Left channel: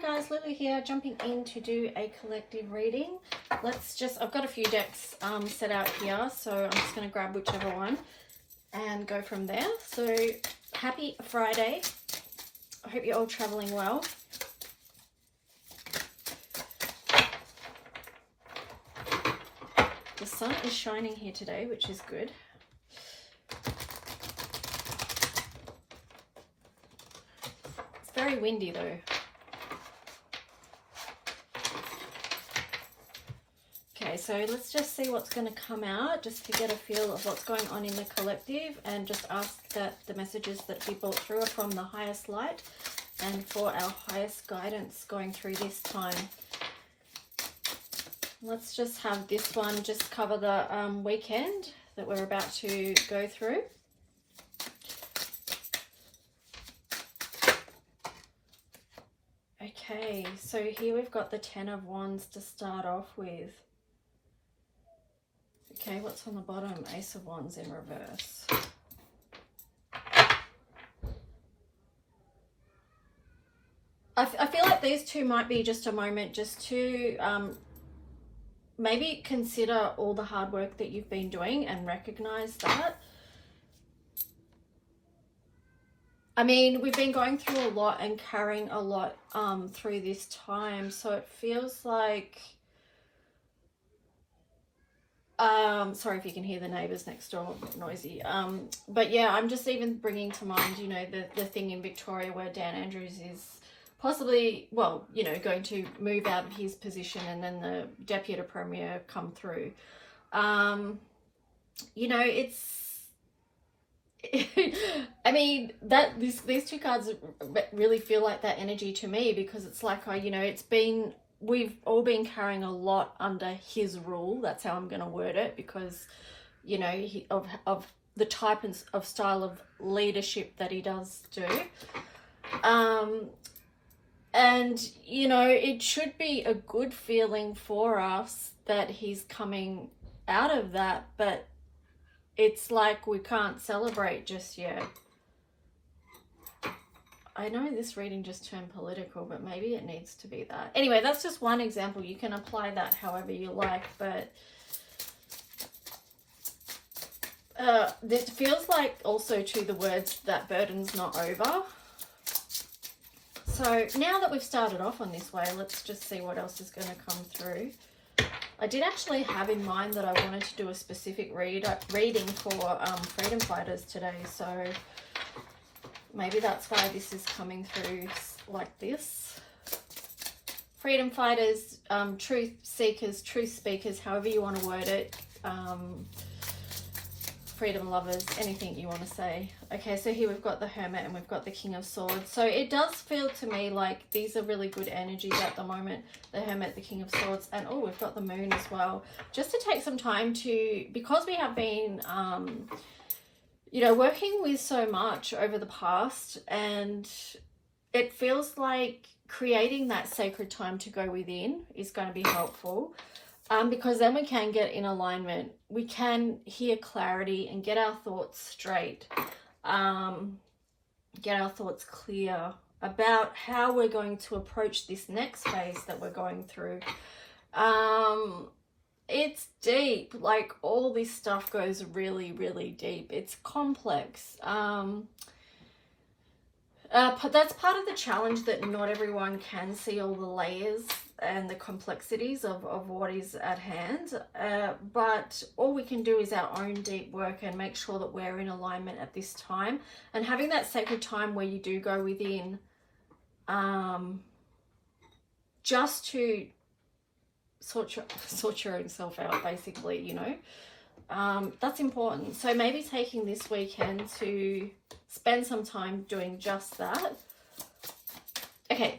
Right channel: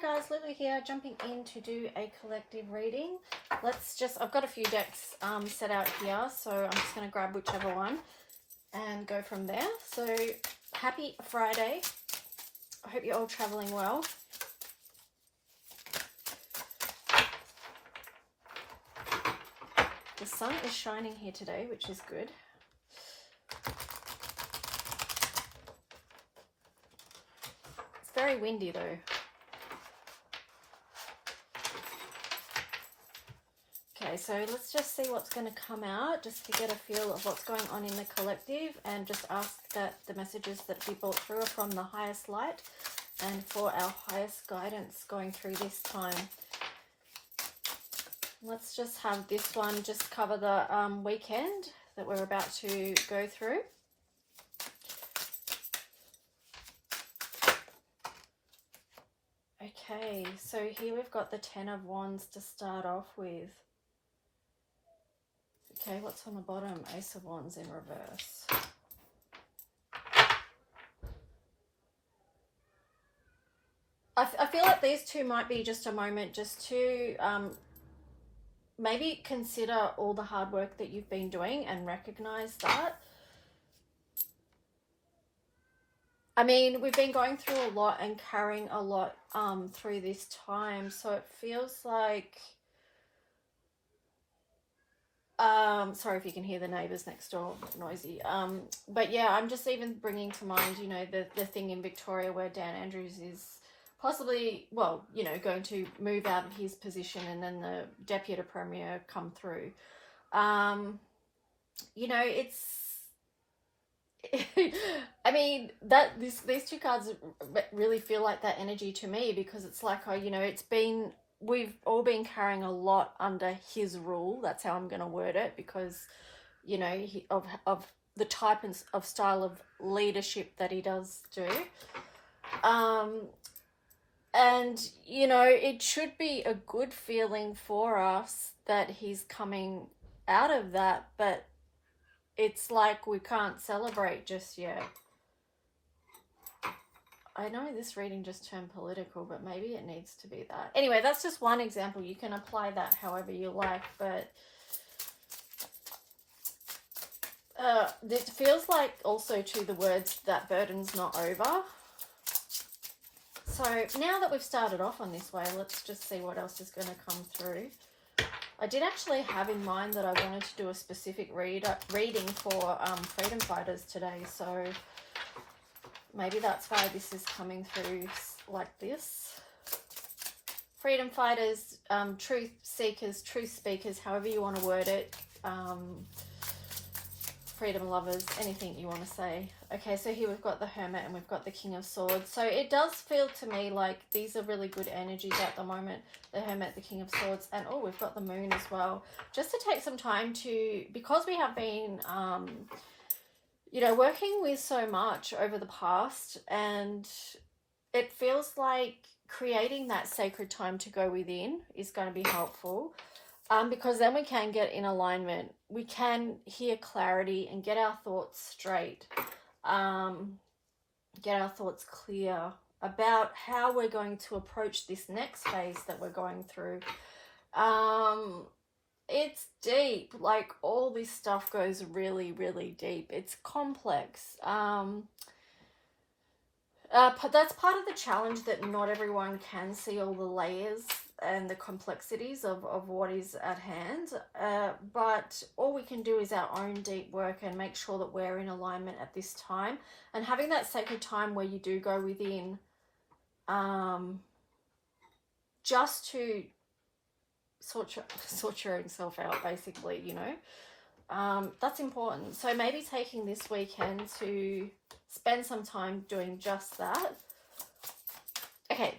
Hi guys, Lulu here, jumping in to do a collective reading. I've got a few decks set out here, so I'm just going to grab whichever one and go from there. So happy Friday. I hope you're all traveling well. The sun is shining here today, which is good. It's very windy though. Okay, so let's just see what's going to come out, just to get a feel of what's going on in the collective, and just ask that the messages that be brought through are from the highest light and for our highest guidance going through this time. Let's just have this one just cover the weekend that we're about to go through. Okay, so here we've got the Ten of Wands to start off with. Okay, what's on the bottom? Ace of Wands in reverse. I feel like these two might be just a moment just to maybe consider all the hard work that you've been doing and recognize that. I mean, we've been going through a lot and carrying a lot through this time, so it feels like sorry if you can hear the neighbors next door, noisy. But yeah, I'm just even bringing to mind, you know, the thing in Victoria where Dan Andrews is possibly, well, you know, going to move out of his position, and then the Deputy Premier come through. You know, it's I mean, these two cards really feel like that energy to me, because it's like, you know, we've all been carrying a lot under his rule. That's how I'm going to word it, because, you know, of the type of style of leadership that he does do. And, you know, it should be a good feeling for us that he's coming out of that, but it's like we can't celebrate just yet. I know this reading just turned political, but maybe it needs to be that. Anyway, that's just one example. You can apply that however you like, but this feels like also to the words that burden's not over. So now that we've started off on this way, let's just see what else is going to come through. I did actually have in mind that I wanted to do a specific reading for freedom fighters today, so maybe that's why this is coming through like this. Freedom fighters, truth seekers, truth speakers, however you want to word it. Freedom lovers, anything you want to say. Okay, so here we've got the Hermit and we've got the King of Swords. So it does feel to me like these are really good energies at the moment. The Hermit, the King of Swords, and oh, we've got the Moon as well. Just to take some time to, because we have been you know, working with so much over the past, and it feels like creating that sacred time to go within is going to be helpful, because then we can get in alignment. We can hear clarity and get our thoughts straight, get our thoughts clear about how we're going to approach this next phase that we're going through. It's deep, like all this stuff goes really, really deep. It's complex. That's part of the challenge, that not everyone can see all the layers and the complexities of what is at hand. But all we can do is our own deep work and make sure that we're in alignment at this time. And having that sacred time where you do go within, just to sort yourself out, basically, you know. That's important. So maybe taking this weekend to spend some time doing just that. Okay,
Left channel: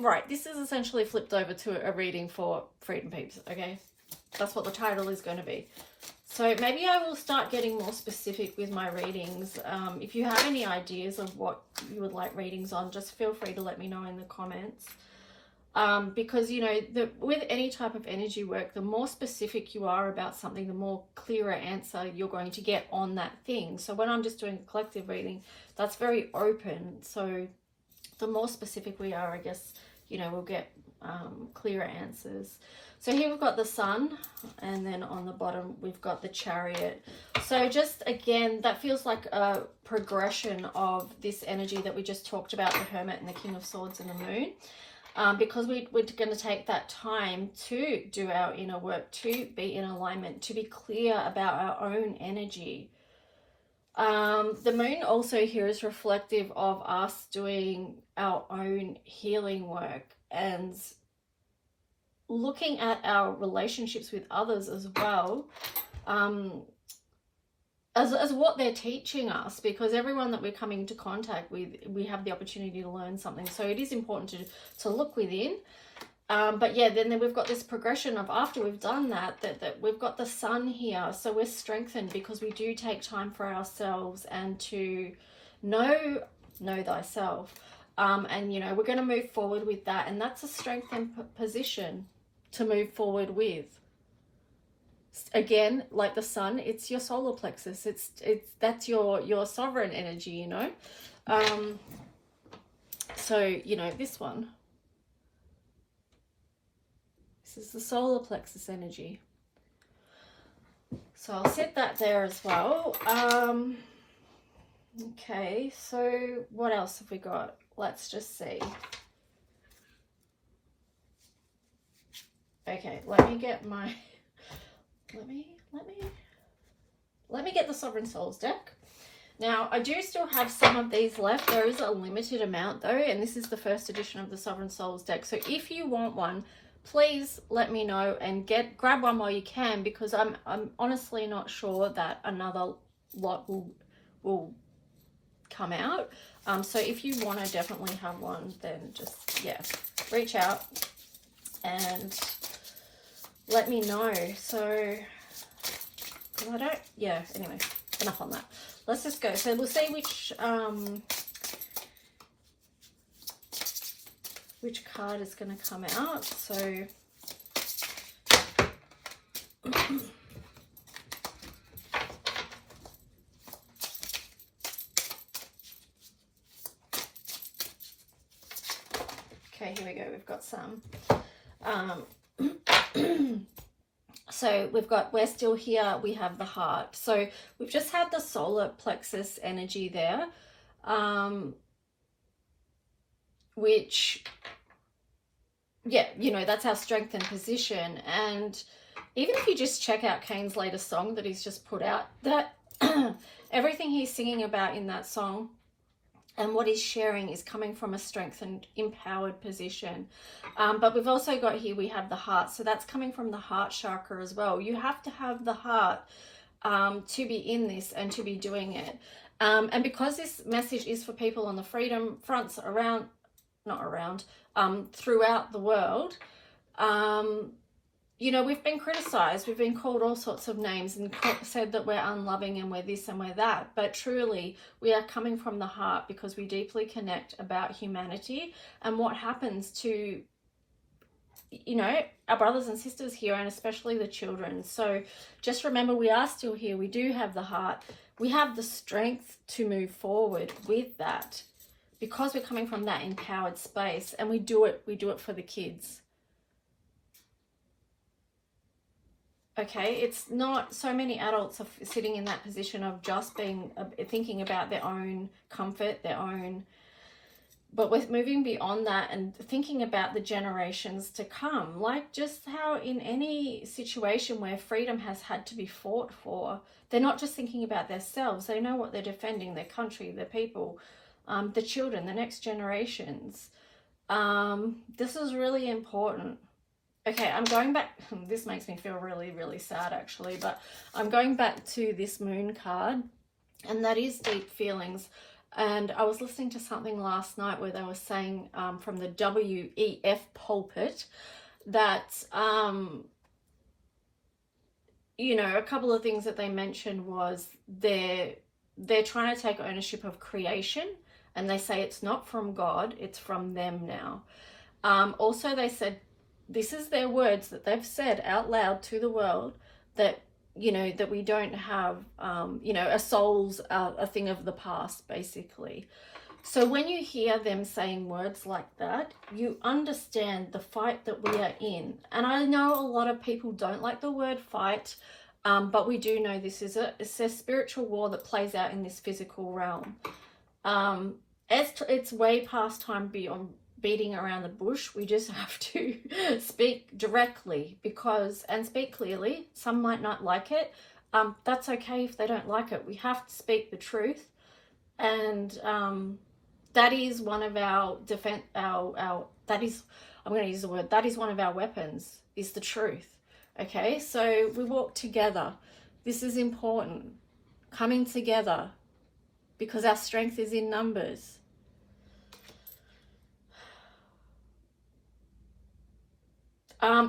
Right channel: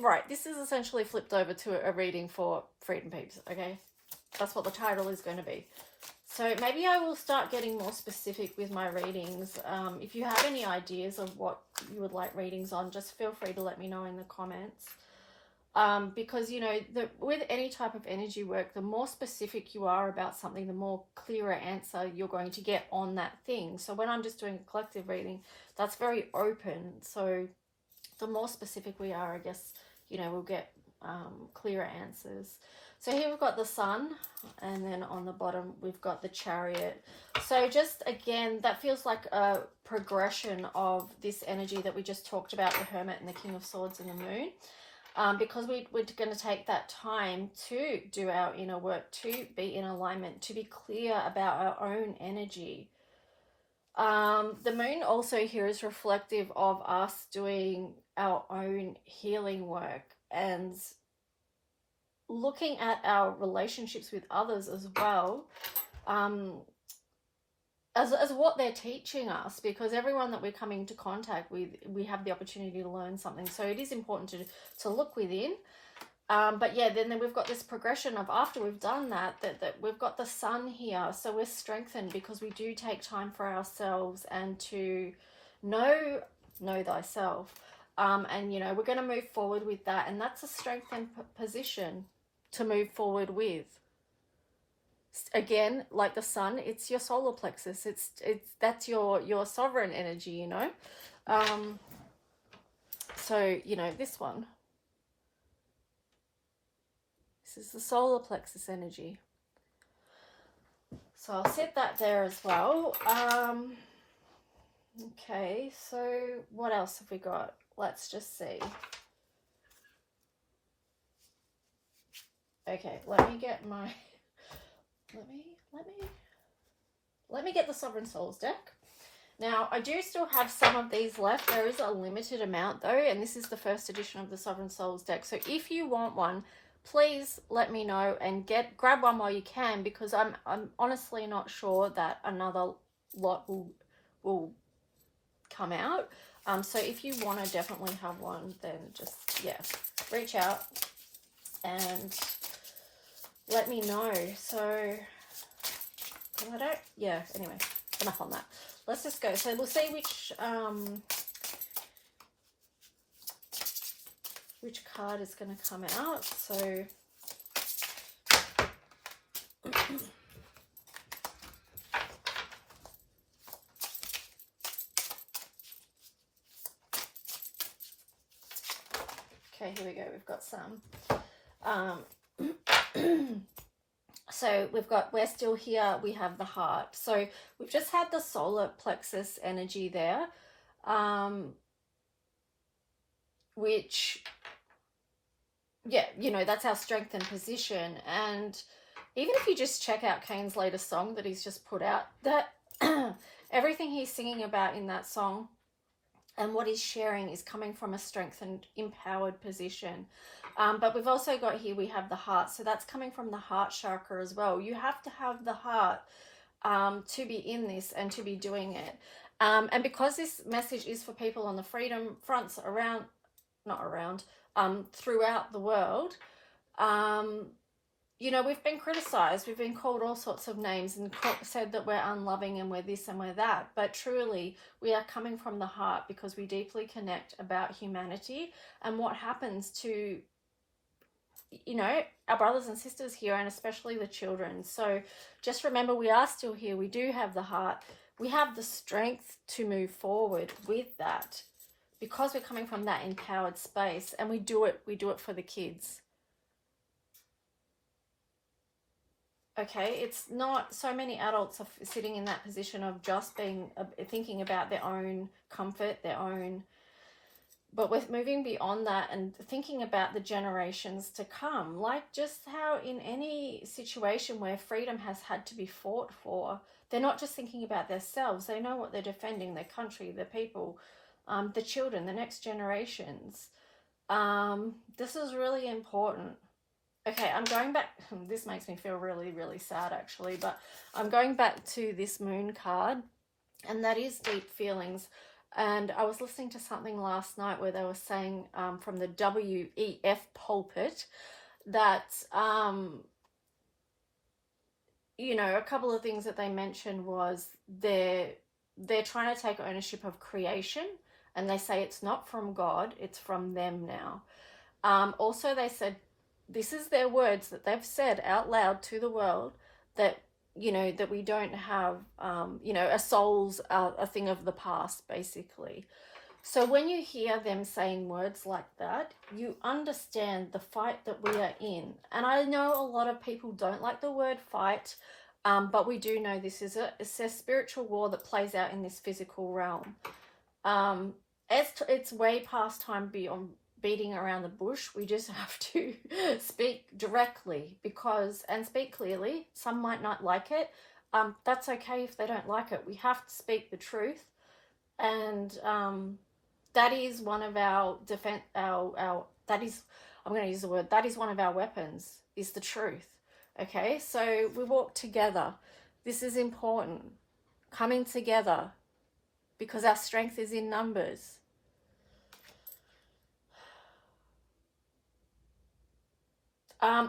right, this is essentially flipped over to a reading for freedom peeps, okay? That's what the title is going to be. So maybe I will start getting more specific with my readings. If you have any ideas of what you would like readings on, just feel free to let me know in the comments. Because, you know, with any type of energy work, the more specific you are about something, the more clearer answer you're going to get on that thing. So when I'm just doing a collective reading, that's very open. So the more specific we are, I guess, you know, we'll get clearer answers. So here we've got the Sun, and then on the bottom we've got the Chariot. So just again, that feels like a progression of this energy that we just talked about, the Hermit and the King of Swords and the Moon. Because we're going to take that time to do our inner work, to be in alignment, to be clear about our own energy. The Moon also here is reflective of us doing our own healing work and looking at our relationships with others as well, as what they're teaching us, because everyone that we're coming into contact with, we have the opportunity to learn something. So it is important to look within. But yeah, then we've got this progression of, after we've done that we've got the Sun here. So we're strengthened because we do take time for ourselves and to know thyself. And, you know, we're going to move forward with that. And that's a strengthened position to move forward with. Again, like the Sun, it's your solar plexus. That's your sovereign energy, you know. So, you know, this one. This is the solar plexus energy. So I'll set that there as well. Okay, so what else have we got? Let's just see. Okay, let me get my, let me get the Sovereign Souls deck. Now, I do still have some of these left. There is a limited amount though, and this is the first edition of the Sovereign Souls deck. So if you want one, please let me know and grab one while you can, because I'm honestly not sure that another lot will come out. So if you want to definitely have one, then just, yeah, reach out and let me know. So, I don't, yeah, anyway, enough on that. Let's just go. So we'll see which card is going to come out. So okay, here we go. We've got some. So we're still here. We have the Heart. So we've just had the solar plexus energy there, which, yeah, you know, that's our strength and position. And even if you just check out Kane's latest song that he's just put out, that everything he's singing about in that song and what he's sharing is coming from a strengthened, empowered position. But we've also got here, we have the Heart. So that's coming from the heart chakra as well. You have to have the heart to be in this and to be doing it. And because this message is for people on the freedom fronts throughout the world, you know, we've been criticized, we've been called all sorts of names and said that we're unloving and we're this and we're that. But truly, we are coming from the heart because we deeply connect about humanity and what happens to, you know, our brothers and sisters here, and especially the children. So just remember, we are still here. We do have the heart. We have the strength to move forward with that because we're coming from that empowered space, and we do it for the kids. Okay, it's not, so many adults are sitting in that position of just thinking about their own comfort, but we're moving beyond that and thinking about the generations to come. Like just how in any situation where freedom has had to be fought for, they're not just thinking about themselves, they know what they're defending, their country, their people, the children, the next generations. This is really important. Okay, I'm going back, this makes me feel really, really sad actually, but I'm going back to this Moon card, and that is deep feelings. And I was listening to something last night where they were saying from the WEF pulpit that, you know, a couple of things that they mentioned was they're trying to take ownership of creation, and they say it's not from God, it's from them now. Also, they said, this is their words that they've said out loud to the world, that, you know, that we don't have, you know, a soul's a thing of the past, basically. So when you hear them saying words like that, you understand the fight that we are in. And I know a lot of people don't like the word fight, but we do know this is it's a spiritual war that plays out in this physical realm. It's way past time beyond beating around the bush. We just have to speak directly and speak clearly. Some might not like it. That's okay if they don't like it. We have to speak the truth. And that is one of our defense, I'm going to use the word, that is one of our weapons, is the truth. Okay, so we walk together. This is important. Coming together, because our strength is in numbers.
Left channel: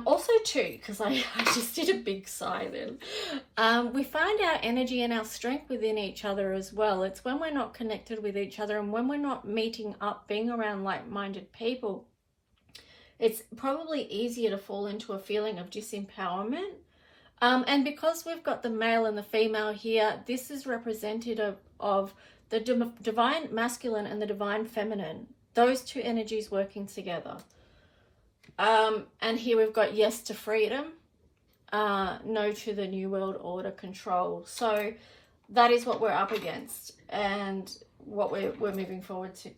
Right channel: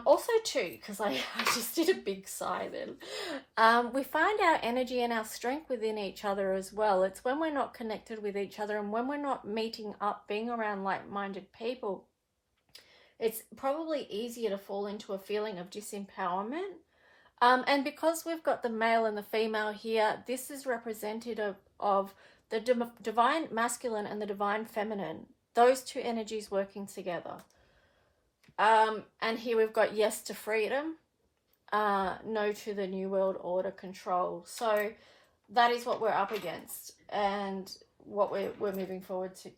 Also too, because I just did a big sigh then, we find our energy and our strength within each other as well. It's when we're not connected with each other and when we're not meeting up, being around like-minded people, it's probably easier to fall into a feeling of disempowerment. And because we've got the male and the female here, this is representative of the divine masculine and the divine feminine, those two energies working together. And here we've got yes to freedom, no to the New World Order control. So that is what we're up against and what we're moving forward to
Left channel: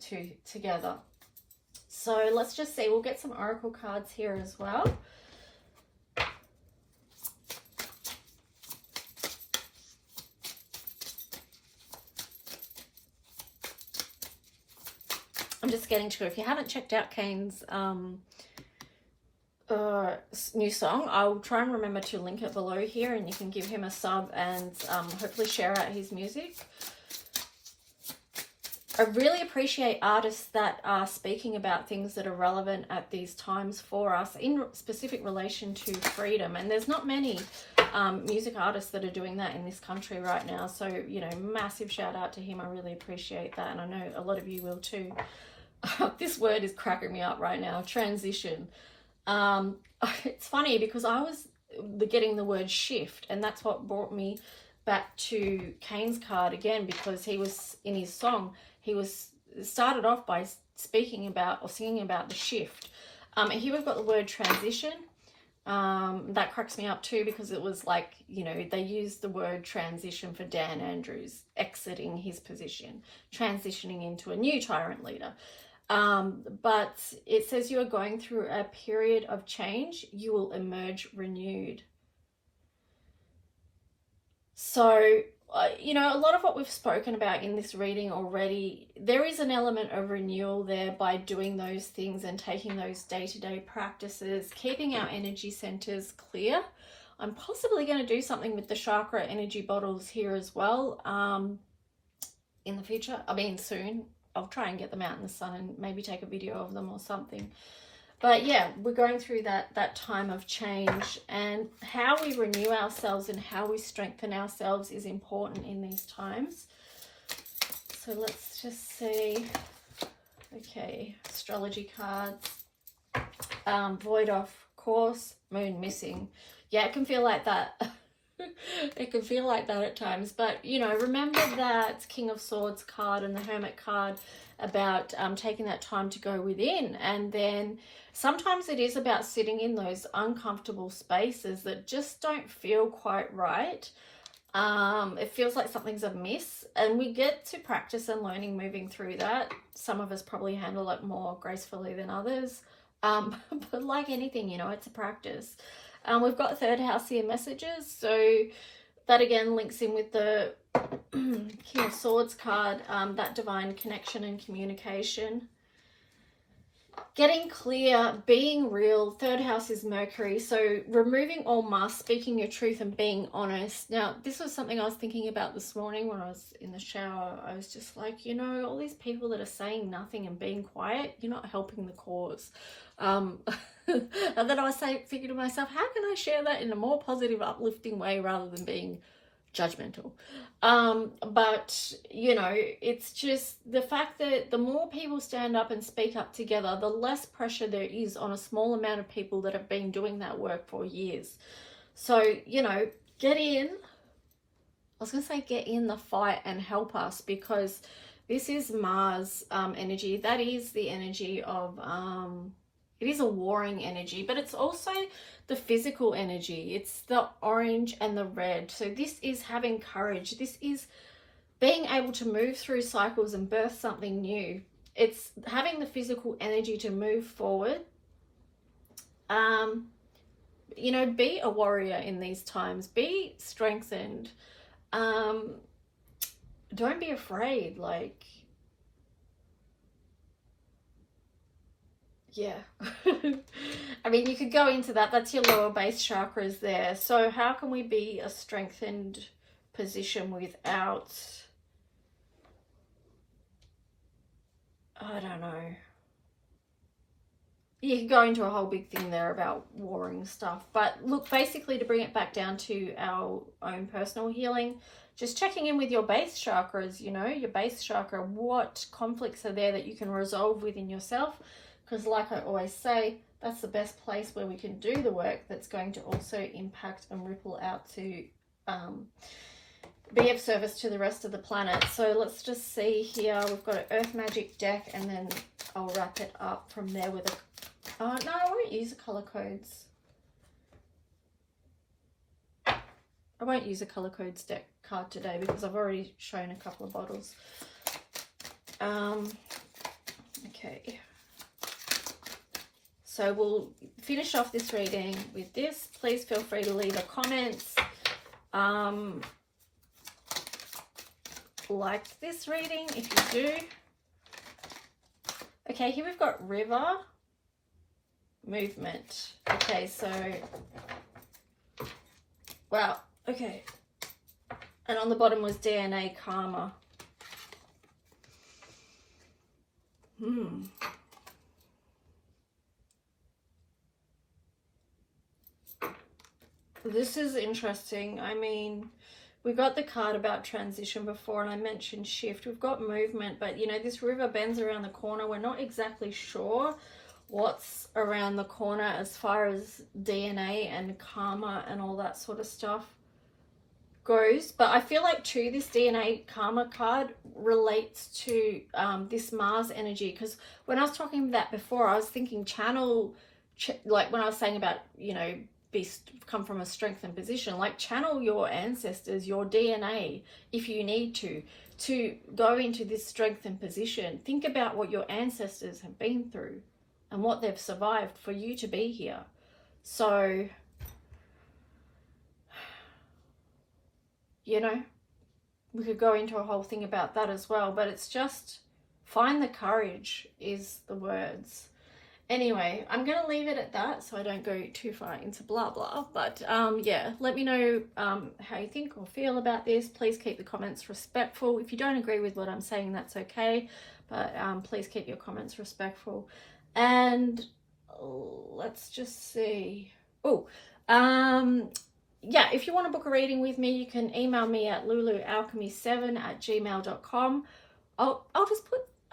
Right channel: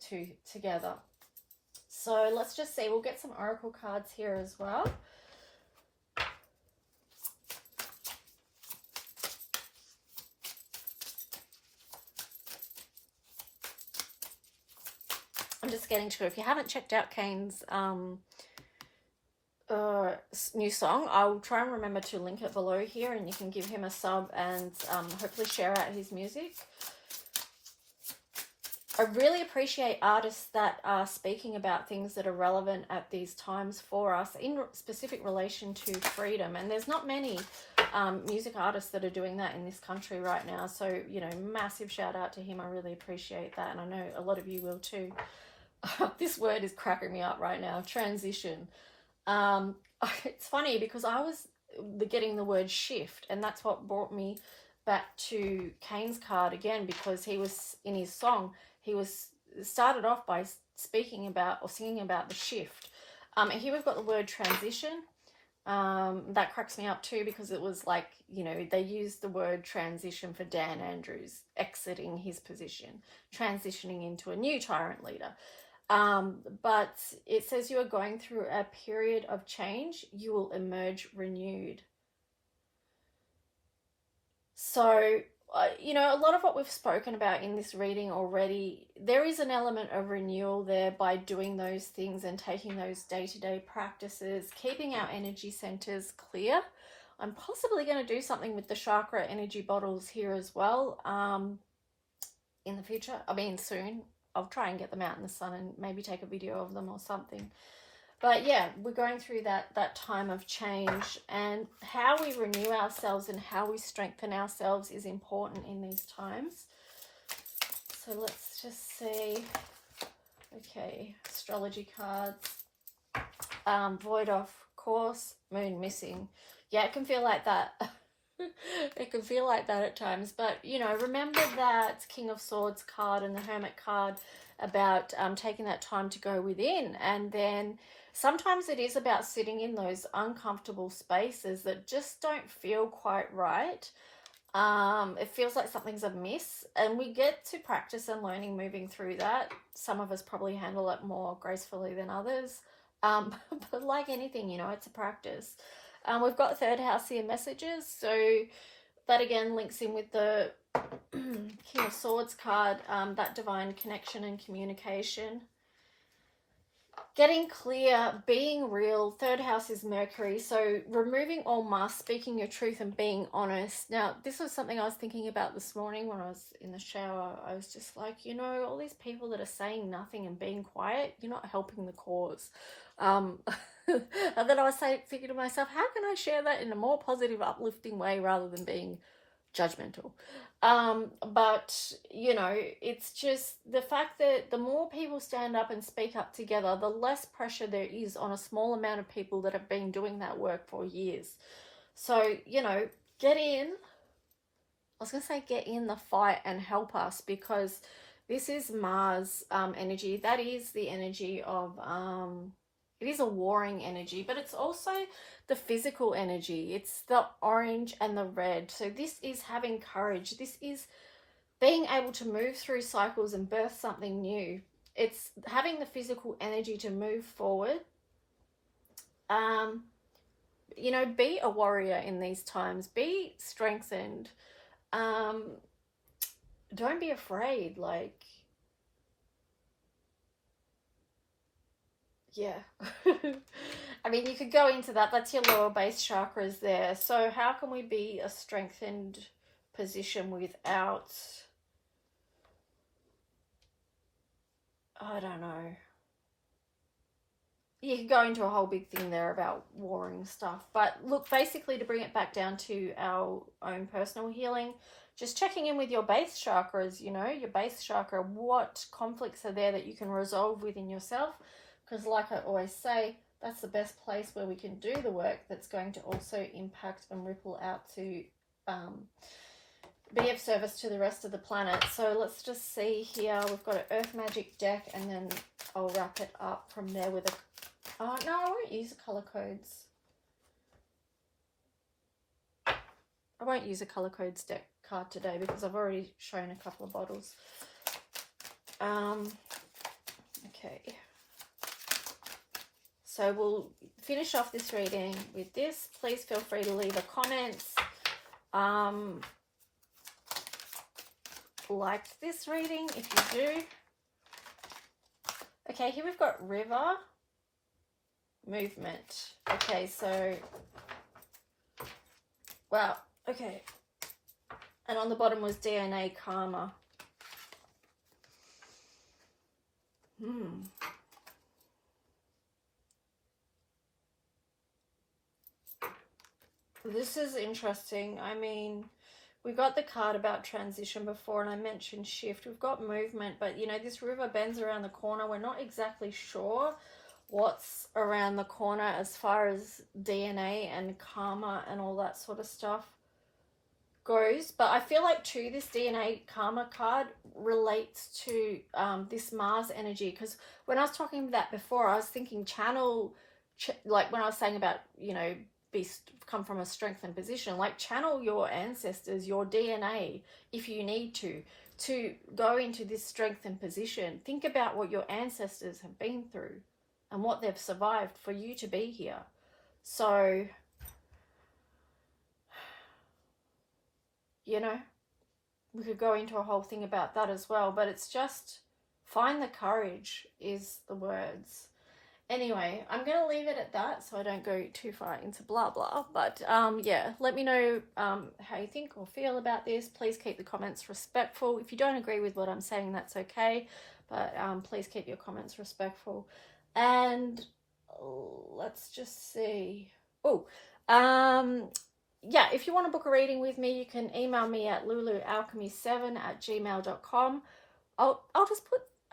together. So let's just see, we'll get some oracle cards here as well. I'm just getting to, if you haven't checked out Kane's new song, I'll try and remember to link it below here, and you can give him a sub and hopefully share out his music. I really appreciate artists that are speaking about things that are relevant at these times for us in specific relation to freedom, and there's not many music artists that are doing that in this country right now. So, you know, massive shout out to him. I really appreciate that, and I know a lot of you will too. This word is cracking me up right now, transition. It's funny because I was getting the word shift, and that's what brought me back to Kane's card again, because he was in his song, he was started off by speaking about or singing about the shift. And here we've got the word transition. That cracks me up too, because it was like, you know, they used the word transition for Dan Andrews exiting his position, transitioning into a new tyrant leader. But it says you are going through a period of change. You will emerge renewed. So, you know, a lot of what we've spoken about in this reading already, there is an element of renewal there by doing those things and taking those day-to-day practices, keeping our energy centers clear. I'm possibly going to do something with the chakra energy bottles here as well in the future. I mean, soon. I'll try and get them out in the sun and maybe take a video of them or something. But yeah, we're going through that time of change, and how we renew ourselves and how we strengthen ourselves is important in these times. So let's just see. Okay, astrology cards. Void off course, moon missing. Yeah, it can feel like that. It can feel like that at times, but you know, remember that King of Swords card and the Hermit card about taking that time to go within, and then sometimes it is about sitting in those uncomfortable spaces that just don't feel quite right. It feels like something's amiss, and we get to practice and learning moving through that. Some of us probably handle it more gracefully than others, but like anything, you know, it's a practice. We've got third house here messages, so that again links in with the King of Swords card, that divine connection and communication. Getting clear, being real. Third house is Mercury, so removing all masks, speaking your truth and being honest. Now, this was something I was thinking about this morning when I was in the shower. I was just like, you know, all these people that are saying nothing and being quiet, you're not helping the cause. And then I was thinking to myself, how can I share that in a more positive, uplifting way rather than being judgmental? But you know, it's just the fact that the more people stand up and speak up together, the less pressure there is on a small amount of people that have been doing that work for years. So, you know, get in the fight and help us, because This is Mars energy. That is the energy of, it is a warring energy, but it's also the physical energy. It's the orange and the red. So this is having courage. This is being able to move through cycles and birth something new. It's having the physical energy to move forward. You know, be a warrior in these times. Be strengthened. Don't be afraid. Like, yeah. I mean, you could go into that. That's your lower base chakras there. So how can we be a strengthened position without, I don't know. You could go into a whole big thing there about warring stuff. But look, basically to bring it back down to our own personal healing, just checking in with your base chakras, you know, your base chakra, what conflicts are there that you can resolve within yourself? Because like I always say, that's the best place where we can do the work that's going to also impact and ripple out to be of service to the rest of the planet. So let's just see here. We've got an Earth Magic deck, and then I'll wrap it up from there with a... no, I won't use the colour codes. I won't use a colour codes deck card today because I've already shown a couple of bottles. Okay. So we'll finish off this reading with this. Please feel free to leave a comment. Like this reading if you do. Okay, here we've got river, movement. Okay, so, wow, okay. And on the bottom was DNA, karma. This is interesting. I mean, we got the card about transition before, and I mentioned shift. We've got movement, but you know, this river bends around the corner. We're not exactly sure what's around the corner as far as DNA and karma and all that sort of stuff goes. But I feel like too, this DNA karma card relates to this Mars energy, because when I was talking about that before, I was thinking channel, like when I was saying about, you know, come from a strengthened position, like channel your ancestors, your DNA, if you need to go into this strengthened position. Think about what your ancestors have been through and what they've survived for you to be here. So, you know, we could go into a whole thing about that as well, but it's just find the courage is the words. Anyway, I'm going to leave it at that so I don't go too far into blah blah. But yeah, let me know how you think or feel about this. Please keep the comments respectful. If you don't agree with what I'm saying, that's okay. But please keep your comments respectful. And let's just see. Oh, yeah, if you want to book a reading with me, you can email me at lulualchemy7@gmail.com.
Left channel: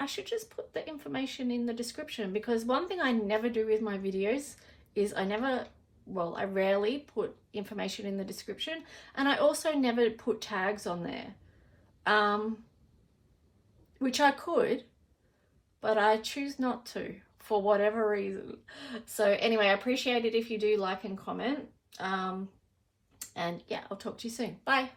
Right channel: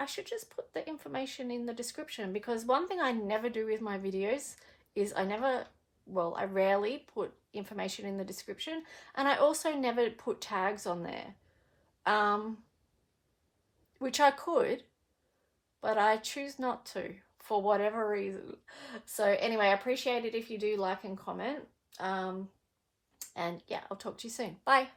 I should just put the information in the description, because one thing I never do with my videos is I rarely put information in the description, and I also never put tags on there, which I could, but I choose not to for whatever reason. So anyway, I appreciate it if you do like and comment, and yeah, I'll talk to you soon. Bye.